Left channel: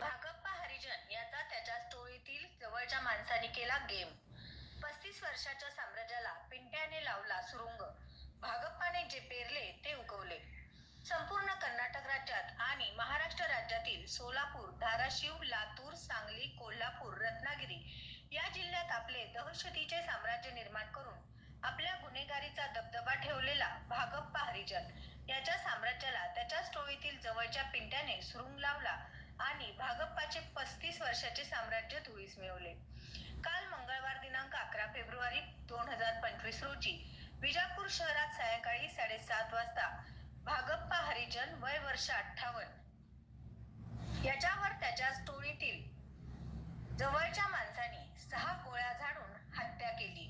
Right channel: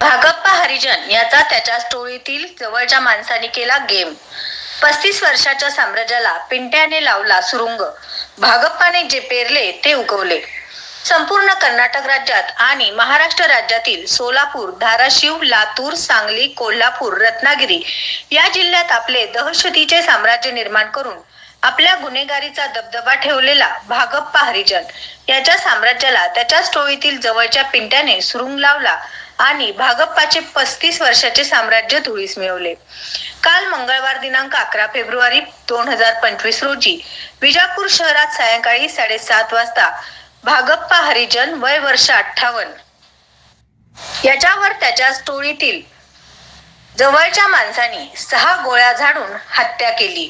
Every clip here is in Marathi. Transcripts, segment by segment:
भागप्पा हरिजन याचा त्याच्या टोळीतील जवळच्या माणसाने केला गेम. पस्तीस वर्षाच्या साम्राज्याला पिंट्याने लावला सुरुंग. भागप्पाने जे पेरले ते उगवले. संपूर्ण कर्नाटक राज्यात आणि महाराष्ट्र राज्यातील सोलापूर धाराशिव लातूर सांगली कोल्हापूर रत्नागिरी या जिल्ह्यात आपले दहशतीचे साम्राज्य निर्माण करून आपल्या गुन्हेगारीचा दबदबा ठेवलेला भागप्पा हरिजन याच्या साम्राज्याला त्याच्याच टोळीतील जवळच्या पिंट्याने सुरुंग लावला आणि भागप्पाचे पस्तीस वर्षाचे साम्राज्य धुळीस मिळवले. काल मंगळवार दिनांक अकरा फेब्रुवारी दोन हजार पंचवीस रोजी विजापूर शहरात सायंकाळी साडेसात वाजता भागप्पा हरिजन वय वर्ष अठ्ठावन्न. याच्यावर त्याच्या टोळीतील जवळच्या माणसांनी सहा गोळ्या झाडून हत्या केली.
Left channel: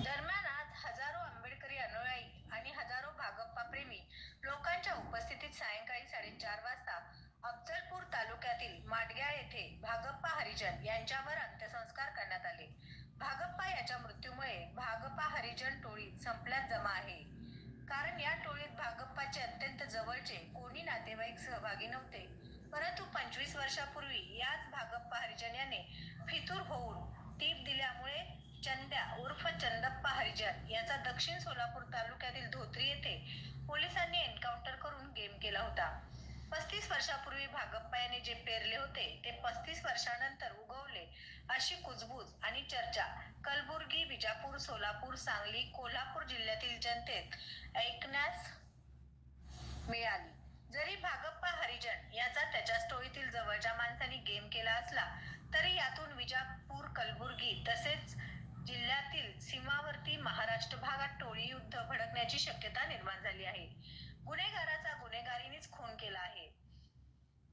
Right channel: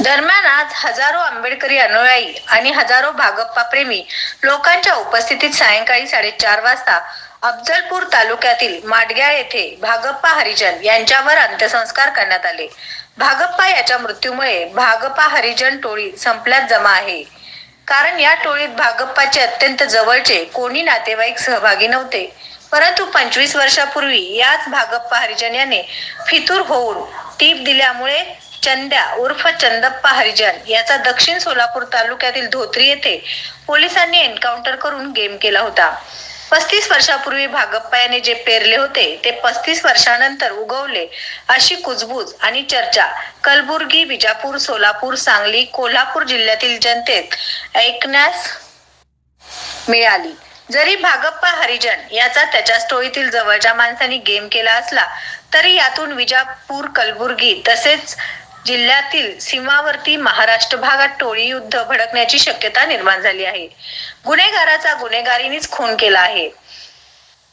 दरम्यान आज हजारो आंबेडकरी अनुयायी आणि हजारो भागप्पा प्रेमी लोकांच्या उपस्थितीत सायंकाळी साडेचार वाजता अफजलपूर तालुक्यातील माडग्याळ येथे भागप्पा हरिजन यांच्यावर अंत्यसंस्कार करण्यात आले. भागप्पा याच्या मृत्यूमुळे भागप्पा हरिजन टोळी संपल्यात जमा आहे. कारण या टोळीत भागप्पाचे अत्यंत जवळचे कोणी नातेवाईक सहभागी नव्हते. परंतु पंचवीस वर्षापूर्वी याच भागप्पा हरिजन याने फितूर होऊन टीप दिल्यामुळे चंद्या उर्फ चंदप्पा हरिजन याचा दक्षिण सोलापूर तालुक्यातील धोत्री येथे पोलिसांनी एन्काउंटर करून गेम केला होता. पस्तीस वर्षापूर्वी भागप्पा याने जे पेरले होते ते पस्तीस वर्षानंतर उगवले अशी कुजबूज आणि चर्चा. कलबुर्गी विजापूर सोलापूर सांगली कोल्हापूर जिल्ह्यातील जनतेत ऐकण्यास मिळाली. जरी भागप्पा हरिजन याचा त्याच्या स्टोईतील जवळच्या माणसांनी गेम केला असला तरी यातून विजापूर कलबुर्गी तसेच जिल्ह्यातील सीमावर्ती महाराष्ट्र भागात टोळी युद्ध भडकण्याची शक्यता निर्माण झाली आहे. गुन्हेगाराचा गुन्हेगारीनेच खून केला आहे.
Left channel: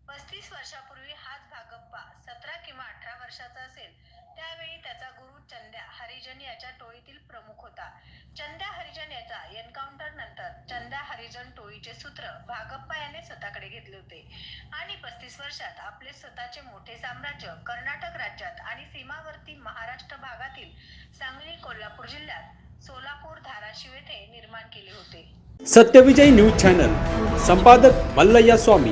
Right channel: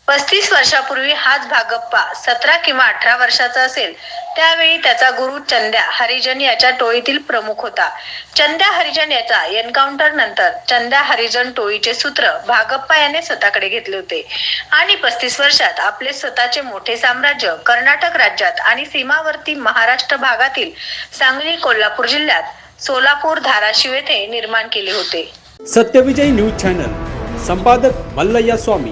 पस्तीस वर्षापूर्वी हाच भागप्पा सतरा किंवा अठरा वर्षाचा असेल त्यावेळी त्याचा गुरु चंद्या हरिजन याच्या टोळीतील प्रमुख होता. चंद्या हरिजन याचा एन्काउंटर नंतर चंद्या हरिजन टोळीचे सूत्र भागप्पा याने स्वतःकडे घेतले होते. आणि पस्तीस वर्षात आपले स्वतःचे मोठे साम्राज्य कर्नाटक राज्यात आणि सीमावर्ती महाराष्ट्र भागातील सांगली कोल्हापूर जिल्ह्यात सोलापूर धाराशिव येथे निर्माण केले होते. सत्यविजय न्यूज चॅनल संपादक मल्लय्या स्वामी.